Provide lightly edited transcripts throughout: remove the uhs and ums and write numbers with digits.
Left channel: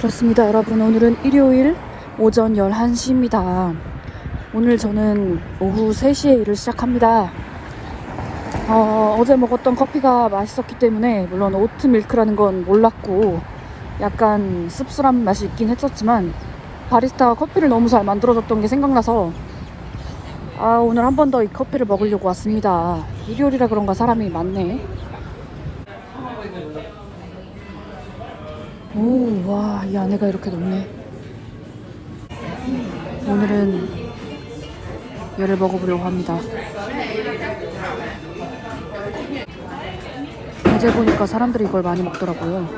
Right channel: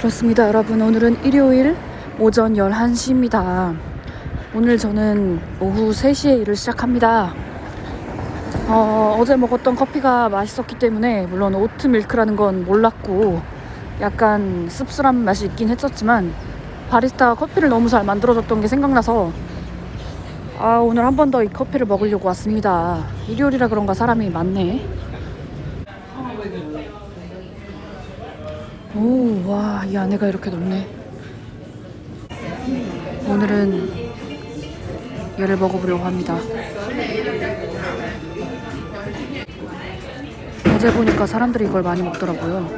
그렇습니다, 여러분. 오늘은 일요일 오전 11시입니다. 오늘 저는 오후 3시에 일을 시작합니다. 어제 먹었던 커피가 맛있었기 때문에, 물론 오트밀크라는 건 몰랐고 약간 씁쓸한 맛이 있긴 했었지만, 바리스타가 커피를 너무 잘 만들어줬던 게 생각나서 오늘 한 번 더 이 커피를 먹으려고 왔습니다. 일요일이라 그런가 사람이 많네. 오, 와, 이 안에가 이렇게 넓네. 오늘은 얘를 먹어보려고 합니다. 어제 보니까 사람들이 이걸 많이 먹더라고요.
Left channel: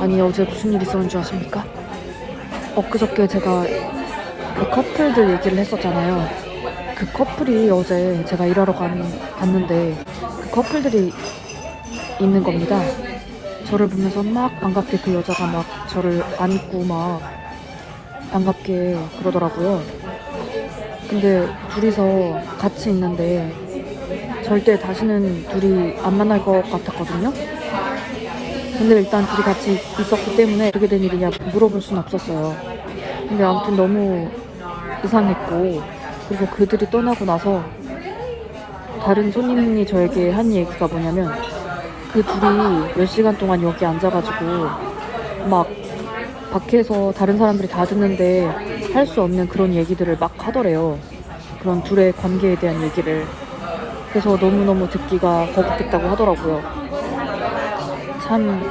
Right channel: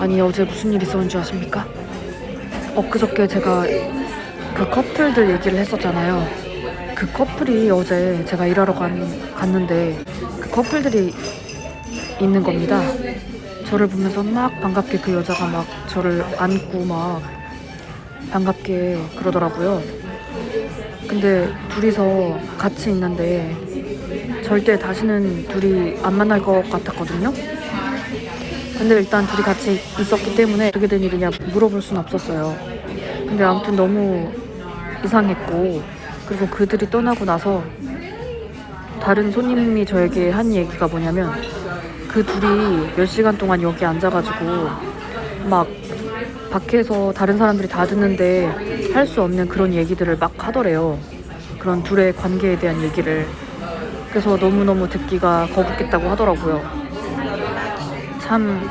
아니, 어제 무슨 일 있었는 줄 아십니까? 엊그저께 제가 그 커플들 얘기를 했었잖아요. 그 커플이 어제 제가 일하러 갔는데 그 커플들이 있는 겁니다. 저를 보면서 막 반갑게 그 여자가 막 저를 안고 막 반갑게 그러더라고요. 근데 둘이서 같이 있는데 절대 다시는 둘이 안 만날 것 같았거든요. 근데 일단 둘이 같이 있었기 때문에 어떻게 된 일이냐 물어볼 순 없었어요. 근데 아무튼 너무 이상했고, 그리고 그들이 떠나고 나서 다른 손님이 저에게 한 얘기가 뭐냐면, 그 둘이 몇 시간 동안 여기 앉아가지고 막 밖에서 다른 사람들이 다 듣는데 할 수 없는 그런 얘기들을 막 하더래요. 그런 둘의 관계에 대한 얘기를. 그래서 너무너무 듣기가 거북했다고 하더라고요. 참,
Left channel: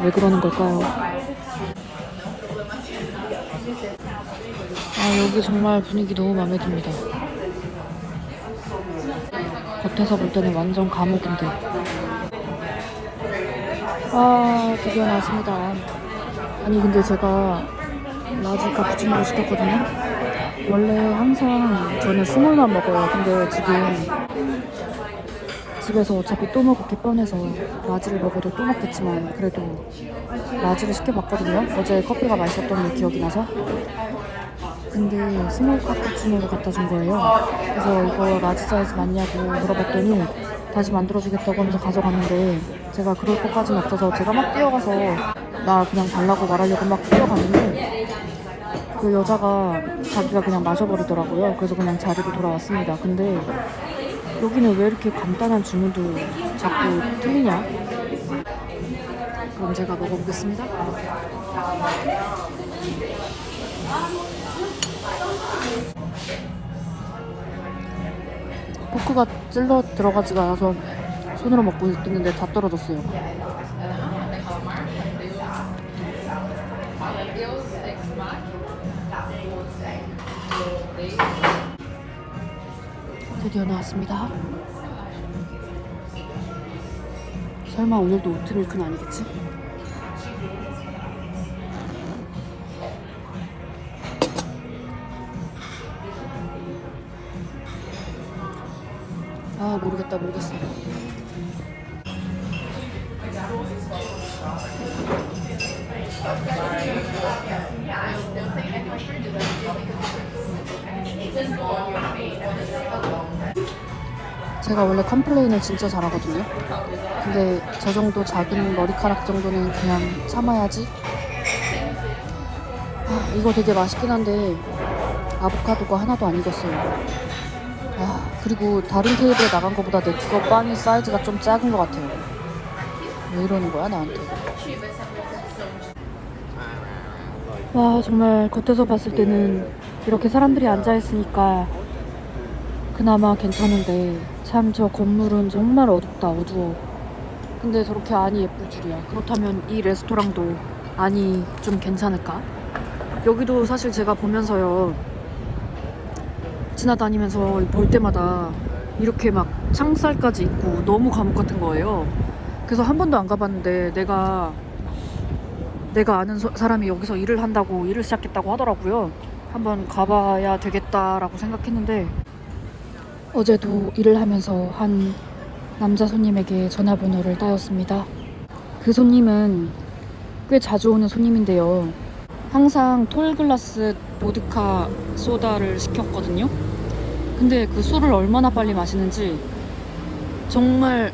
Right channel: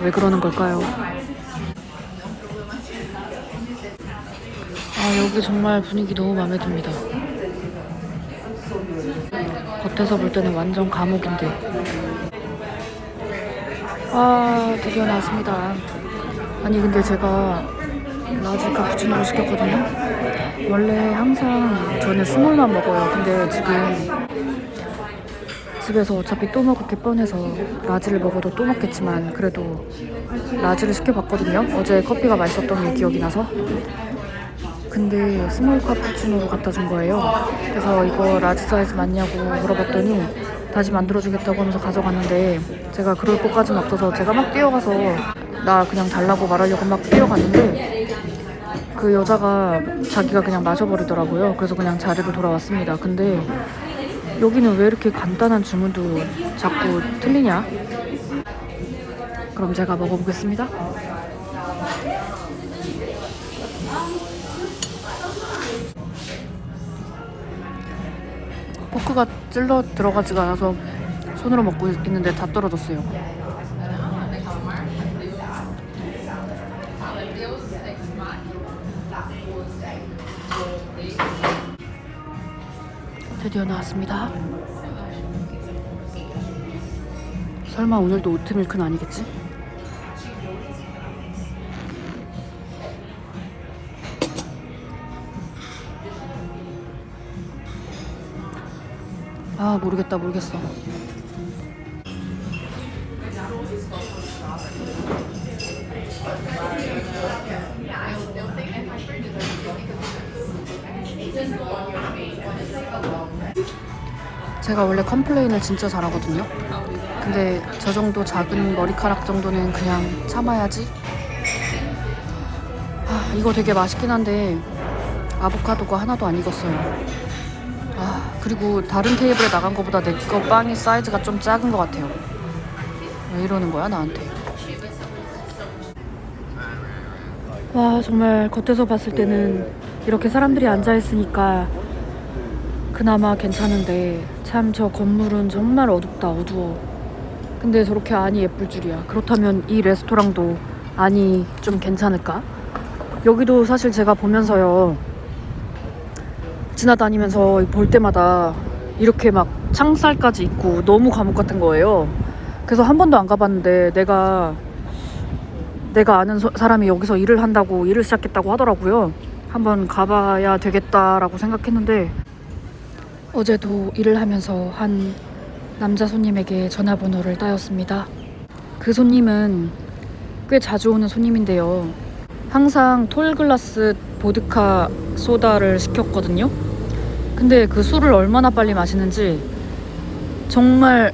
왜 그러는 걸까요? 여기 정말 분위기 너무 마음에 듭니다. 겉에서 볼 때는 완전 감옥인데. 드디어 나왔습니다. 아니, 근데 제가 라지 카푸치노를 시켰거든요. 원래 항상 저는 스몰만 먹어요. 근데 지금 집에서 어차피 또 먹을 게 뻔해서 라지를 먹어도 또 먹겠지만 그래도 라지를 시켜봤거든요. 어제 커피가 맛있었던 게 기억이 나서. 근데 스몰 카푸치노를 갖다 준 거예요. 그래서 이거 라지 사이즈 맞냐고 물어봤더니 다시 만들어주겠다고 하면서 가져갔는데, 제가 그럴 것까지는 없어서 제가 막 뛰어가서 나 그냥 달라고 말하려고 막 뛰어갔는데 그 여자가 자기가 그냥 마셔버리더라고요. 그래서 그냥 자리로 돌아왔습니다. 근데 여기는 왜 이렇게 간단한 주문도 자꾸 틀리냐? 그럼 제가 먹어보겠습니다. 포크가 찔러 들어가지가 않아서 손으로 먹고 있는데 다 떨어졌어요. 드디어 나왔습니다. 설마 오늘도 오트밀크는 아니겠지? 모르겠어. 제가 원래 컴플레인을 진짜 잘하거든요. 근데 저 정도 작은 머리카락 정도는 그냥 참아야지. 이거 되게 맛있긴 한데 아보카도가 하나도 안 익었어요. 그리고 다른 테이블에 나간 것보다 내 거 빵이 사이즈가 좀 작은 것 같아요. 왜 이러는 거야 나한테? 정말 겉에서 봤을 때는 이렇게 사람들이 앉아있으니까 그나마 괜찮은데, 참 저 건물은 정말 어둡다, 어두워. 근데 저렇게 안이 예쁠 줄이야. 그렇다면 이 레스토랑도 안이 좀 괜찮을까? 여기도 사실 제가 보면서요, 지나다니면서 볼 때마다 이렇게 막 창살까지 있고 너무 감옥 같은 거예요. 그래서 한 번도 안 가봤는데 내가 아는 사람이 여기서 일을 한다고, 일을 시작했다고 하더라고요. 한번 가봐야 되겠다라고 생각했는데, 어제도 일을 하면서 한 남자 손님에게 전화번호를 따였습니다. 그 손님은 꽤 자주 오는 손님인데요. 항상 톨글라스 보드카 소다를 시켰거든요. 근데 그 술을 얼마나 빨리 마시는지 정말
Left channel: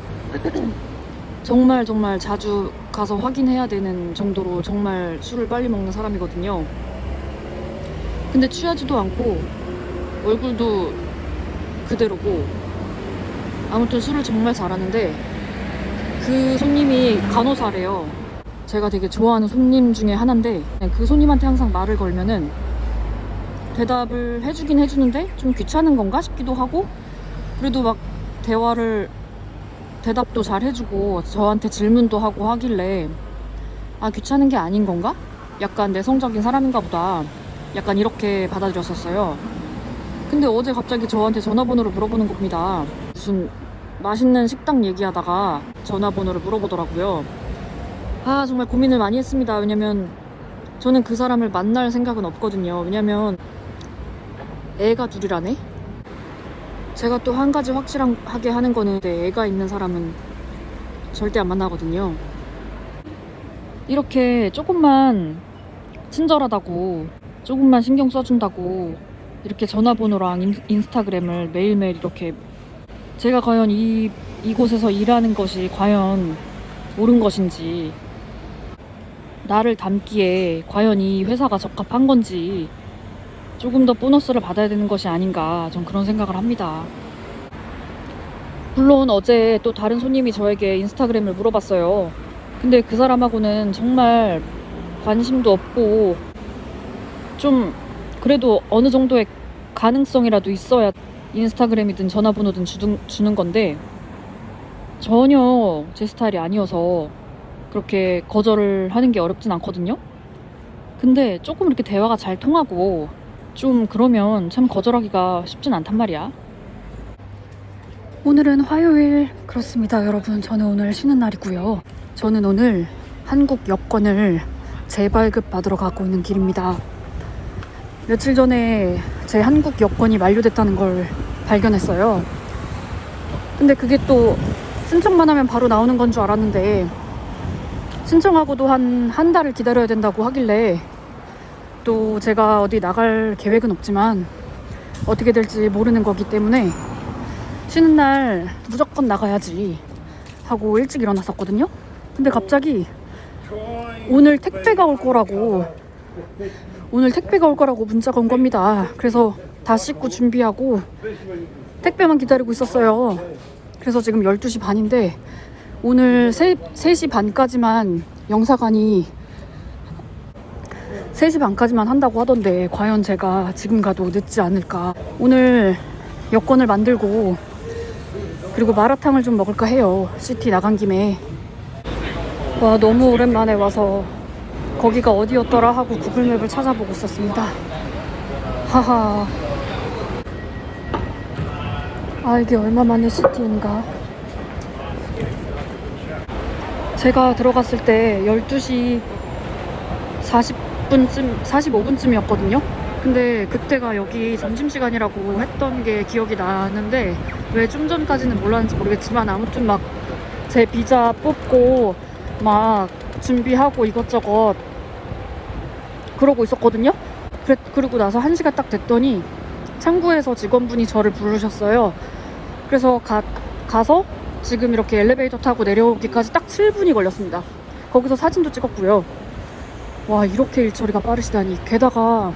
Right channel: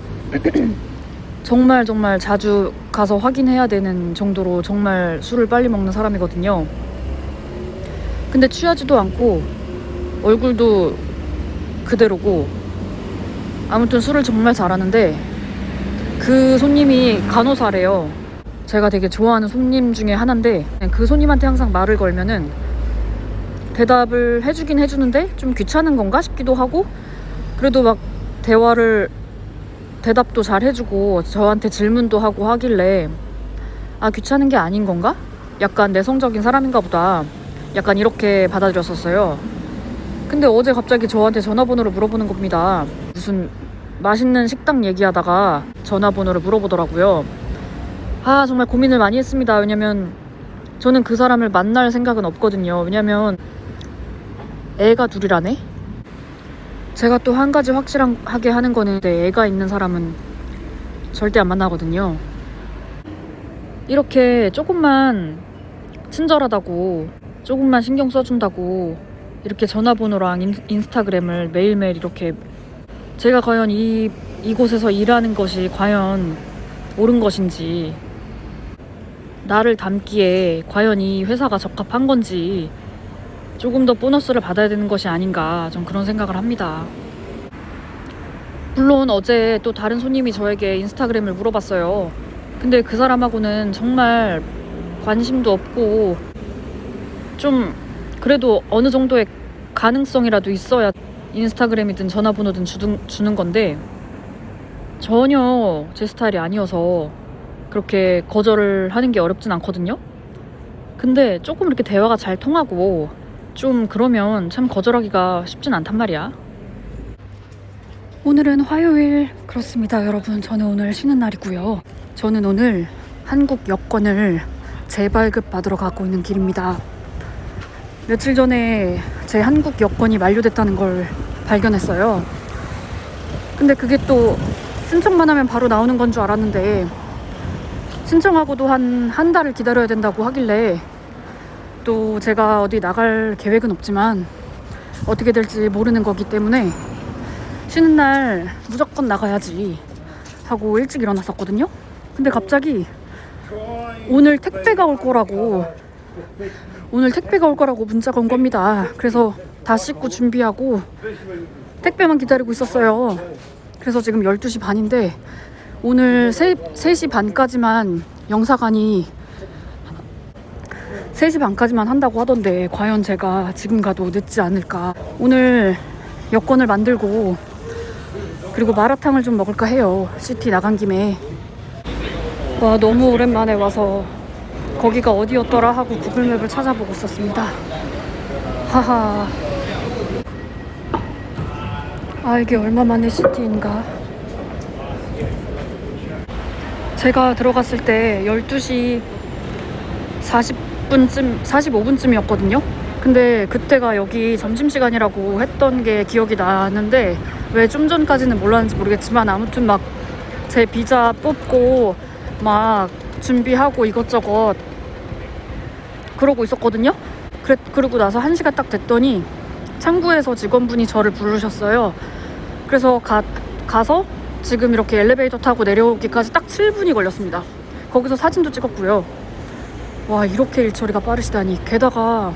정말 자주 가서 확인해야 되는 정도로 정말 술을 빨리 먹는 사람이거든요. 근데 취하지도 않고 얼굴도 그대로고 아무튼 술을 정말 잘하는데 그 손님이 간호사래요. 제가 되게 좋아하는 손님 중에 하나인데 그 손님한테 항상 말을 걸면은 대답을 해주긴 해주는데 좀 귀찮은 건가 싶기도 하고 그래도 막 대답도 잘 해주고 저한테 질문도 하고 하길래 아 귀찮은 게 아닌 건가? 약간 내성적인 사람인가 보다 약간 이렇게 받아들였었어요. 근데 어제 갑자기 저한테 전화번호를 물어보는 겁니다. 무슨 맛있는 식당 얘기하다가 전화번호를 물어보더라고요. 아 정말 고민을 많이 했습니다. 왜냐면 저는 그 사람을 만날 생각은 없거든요. 왜냐면 애가 둘이라네? 제가 또 한 가지 확실하게 하는 거는 애가 있는 사람은 절대 안 만나거든요. 이렇게 조금만 친절하다고 조금만 신경 써준다고 이렇게 전화번호랑 인스타그램을 매일매일 이렇게 제가 과연 이곳에서 일하는 것이 과연 옳은 것인지 나를 닮기에 과연 이 회사가 적합한 건지 조금 더 보너스를 받아야 되는 것이 아닌가 좀 그런 생각을 합니다. 물론 어제 또 다른 손님이 저에게 인스타그램을 물어봤어요. 근데 그 사람하고는 정말 관심도 없고 좀 그래도 어느 정도의 가능성이라도 있어야 인스타그램이든 전화번호든 주는 건데 전혀 제 스타일이 아니어서 그렇게 거절을 하는 게 어렵진 않거든요. 근데 조금 이렇게 대화가 잘 통하고 좀 그러면 참 거절하기가 쉽진 않단 말이야. 오늘은 화요일 그렇습니다 여러분. 저는 오늘 쉬는 날이고요. 저는 오늘 한국 여권을 재발급 받으러 가고 있는 길입니다. 며칠 전에 제 한국 여권이 만료됐다는 걸 발견했어요. 근데 그게 또 신청만 하면 바로 나오는 건 줄 알았는데 신청하고도 한 달을 기다려야 된다고 하길래 또 제가 어디 나갈 계획은 없지만 어떻게 될지 모르는 거기 때문에 쉬는 날 무조건 나가야지 하고 일찍 일어났었거든요. 근데 갑자기 오늘 택배가 올 거라고 문자가 온 겁니다. 그래서 다 씻고 준비하고 택배만 기다리고 있었어요. 그래서 지금 12시 반인데 오늘 3시 반까지만 영사관이 3시 반까지만 한다고 하던데 과연 제가 지금 가도 늦지 않을까. 오늘 여권을 만들고 그리고 마라탕을 좀 먹을까 해요. 시티 나간 김에. 아 너무 오랜만에 와서 거기가 어디였더라 하고 구글맵을 찾아보고 있었습니다. 하하. 아 이게 얼마만에 시티인가. 제가 들어갔을 때 12시 45분쯤이었거든요. 근데 그때가 여기 점심시간이라고 했던 게 기억이 나는데 왜 좀 전까지는 몰랐는지 모르겠지만 아무튼 막 제 비자 뽑고 막 준비하고 이것저것 그러고 있었거든요. 그러고 나서 1시가 딱 됐더니 창구에서 직원분이 저를 부르셨어요. 그래서 가서 지금 이렇게 엘리베이터 타고 내려오기까지 딱 7분이 걸렸습니다. 거기서 사진도 찍었고요. 와 이렇게 일처리가 빠르시다니. 게다가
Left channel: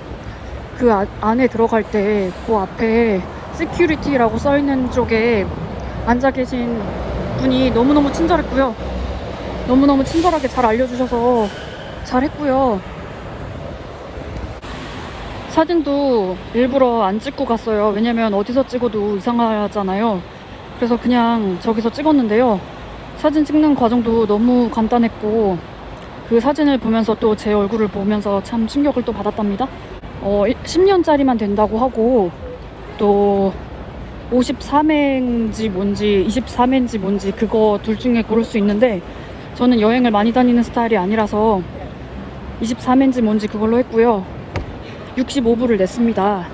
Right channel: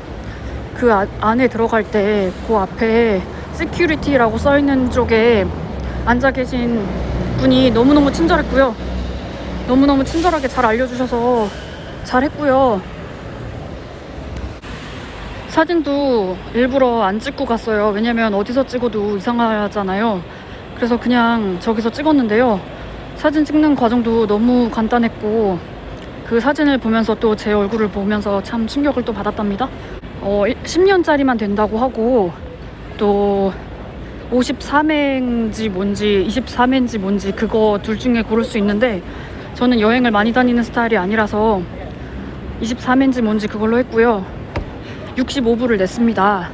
그 안에 들어갈 때 그 앞에 시큐리티라고 써있는 쪽에 앉아 계신 분이 너무너무 친절했고요. 너무너무 친절하게 잘 알려주셔서 잘했고요. 사진도 일부러 안 찍고 갔어요. 왜냐면 어디서 찍어도 이상하잖아요. 그래서 그냥 저기서 찍었는데요. 사진 찍는 과정도 너무 간단했고 그 사진을 보면서 또 제 얼굴을 보면서 참 충격을 또 받았답니다. 10년짜리만 된다고 하고 또 53회인지 뭔지 23회인지 뭔지 그거 둘 중에 고를 수 있는데 저는 여행을 많이 다니는 스타일이 아니라서 23회인지 뭔지 그걸로 했고요. 65불을 냈습니다.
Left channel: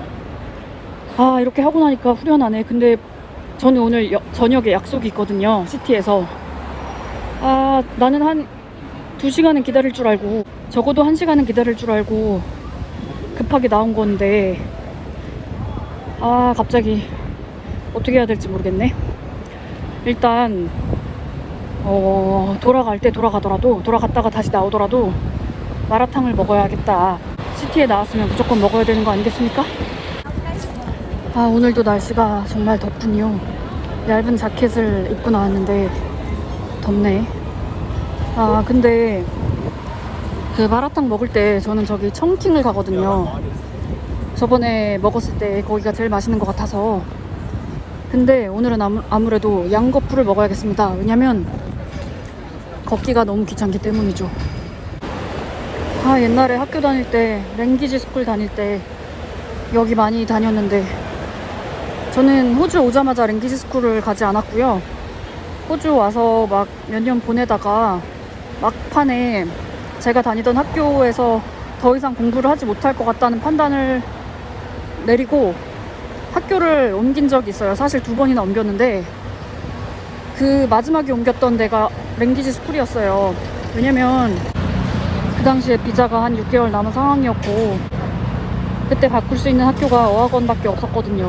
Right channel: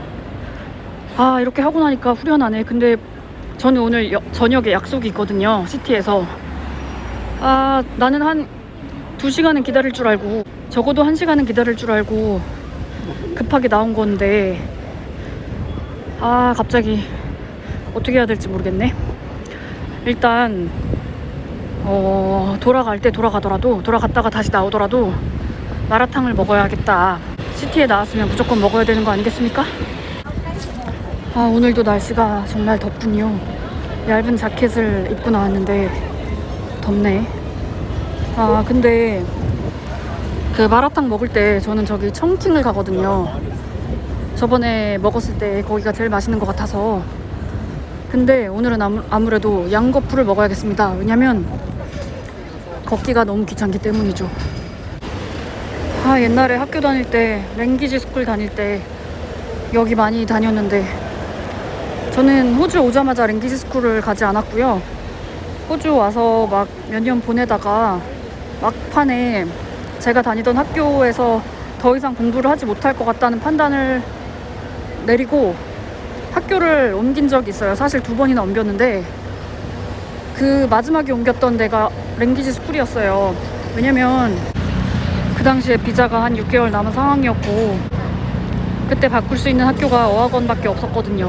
아 이렇게 하고 나니까 후련하네. 근데 저는 오늘 저녁에 약속이 있거든요. 시티에서. 아 나는 한 2시간은 기다릴 줄 알고 적어도 1시간은 기다릴 줄 알고 급하게 나온 건데 아 갑자기 어떻게 해야 될지 모르겠네. 일단 돌아갈 때 돌아가더라도, 돌아갔다가 다시 나오더라도 마라탕을 먹어야겠다. 시티에 나왔으면 무조건 먹어야 되는 거 아니겠습니까? 아, 오늘도 날씨가 정말 덥군요. 얇은 자켓을 입고 나왔는데 덥네. 아, 근데 그 마라탕 먹을 때 저는 저기 청킹을 가거든요. 저번에 먹었을 때 거기가 제일 맛있는 것 같아서. 근데 오늘은 아무래도 양거푸를 먹어야겠습니다. 왜냐면 걷기가 너무 귀찮기 때문이죠. 아, 옛날에 학교 다닐 때, 랭귀지 스쿨 다닐 때 여기 많이 다녔는데, 저는 호주 오자마자 랭귀지 스쿨을 가지 않았고요. 호주 와서 막 몇 년 보내다가 막판에 제가 다니던 학교에서 더 이상 공부를 하지 못할 것 같다는 판단을 내리고 학교를 옮긴 적이 있어요. 사실 2번이나 옮겼는데 그 마지막에 옮겼던 데가 랭귀지 스쿨이었어요. 왜냐면 그 당시에 비자가 한 6개월 남은 상황이었고 그때 바꿀 수 있는 학교가 어학원밖에 없었거든요.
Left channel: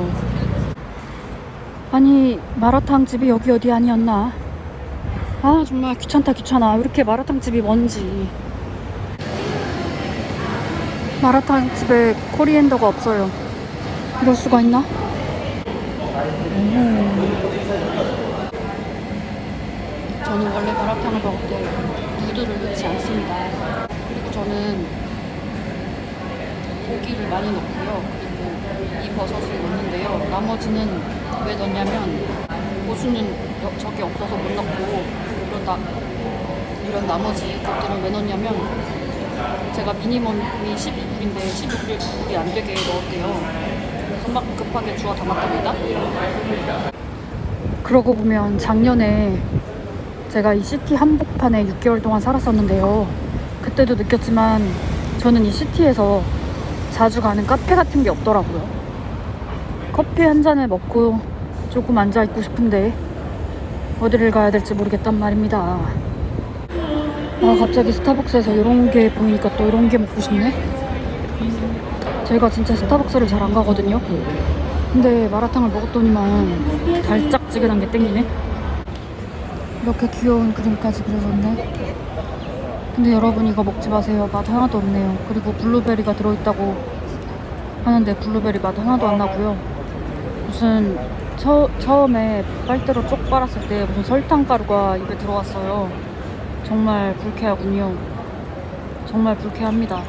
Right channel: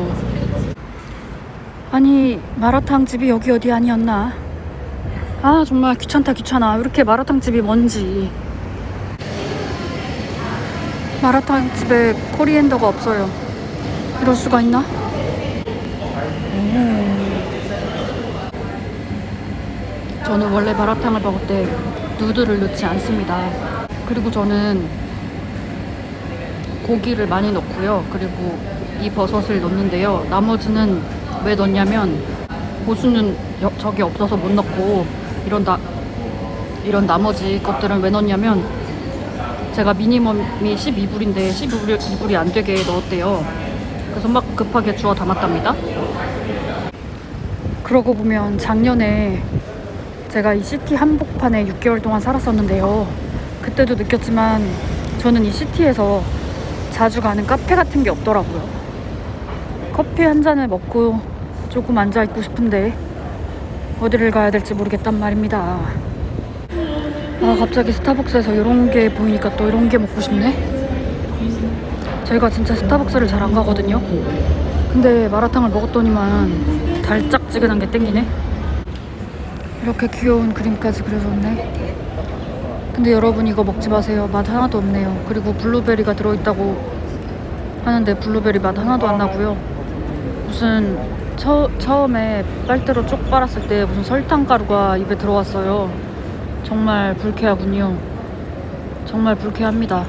아니, 마라탕 집이 여기 어디 아니었나? 아, 정말 귀찮다 귀찮아. 왜 이렇게 마라탕 집이 먼지. 마라탕 집에 코리앤더가 없어요. 이럴 수가 있나? 저는 원래 마라탕을 먹을 때 누드를 넣지 않습니다. 그리고 저는 고기를 많이 넣고요. 그리고 이 버섯을 넣는데요. 나머지는 왜 넣냐면 고수는 저기 없어서 못 넣고 이런 나머지 것들은 왜 넣냐면 제가 미니멈이 12불인데 12불이 안 되게 넣었대요. 그래서 막 급하게 주워 담았답니다. 그러고 보면 작년에 제가 이 시티 한복판에 6개월 동안 살았었는데요. 그때도 느꼈지만 저는 이 시티에서 자주 가는 카페 같은 게 없더라고요. 커피 한 잔을 먹고 조금 앉아있고 싶은데 어디를 가야 될지 모르겠단 말입니다. 아, 갑자기 스타벅스에서 이런 게 보이니까 또 이런 게 먹고 싶네. 제가 진짜 스타벅스를 잘 안 가거든요. 근데 마라탕을 먹었더니만 달짝지근한 게 땡기네. 이렇게 귀여운 그림까지 그려줬네. 근데 여러분, 이거 먹지 마세요. 맛 하나도 없네요. 그리고 블루베리가 들어있다고 하는데 블루베리 맛 하나도 안 나고요. 무슨 처음에 빨대로 쪽 빨았을 때 무슨 설탕가루가 입에 들어왔어요. 정말 불쾌하군요. 정말 불쾌합니다.